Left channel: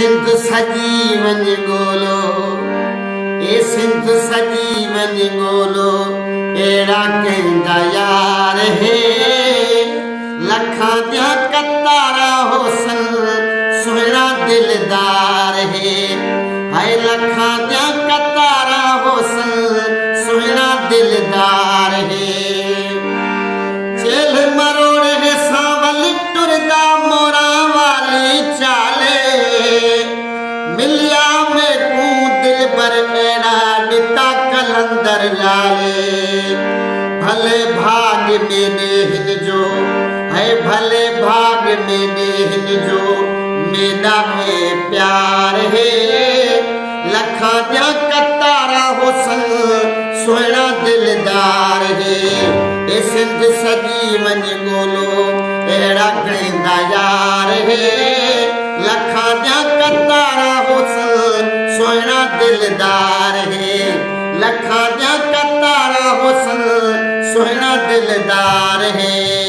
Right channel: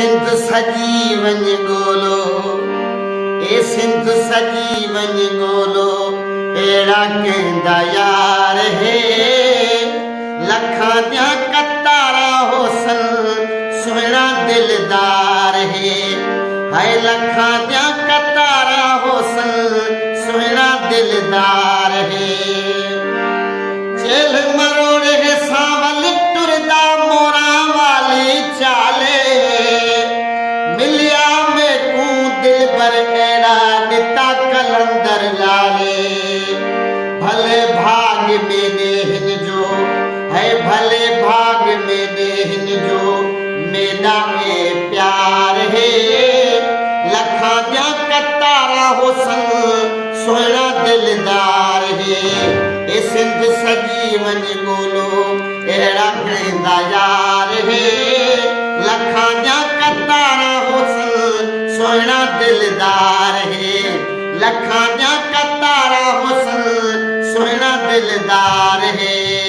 सिंध सजी वञ ॻोल्हो, ए सिंध सजी वञ ॻोल्हो, अहिड़ा कंहिंजा यार हे लखां जा कतारा होसन सुहिणा दिलदार हे। हाय लखां जा कतारा होसन सुहिणा दिलदार हे। चेल मरोड़े सावल टुरदा मोरा वाली चाले, मिलिया में कू दिल बर अहिड़ा ॾिता कलंदर लाले। भले भाग में ने हिन जो है, भले भाग में ने हिन जो मेरा है प्यार है। लखां जा कतारा होसन सुहिणा दिलदार है। ए सिंध सजी वञ ॻोल्हो, अहिड़ा कंहिंजा यार हे लखां जा कतारा होसन सुहिणा दिलदार हे। लखां जा कतारा होसन सुहिणा दिलदार हे।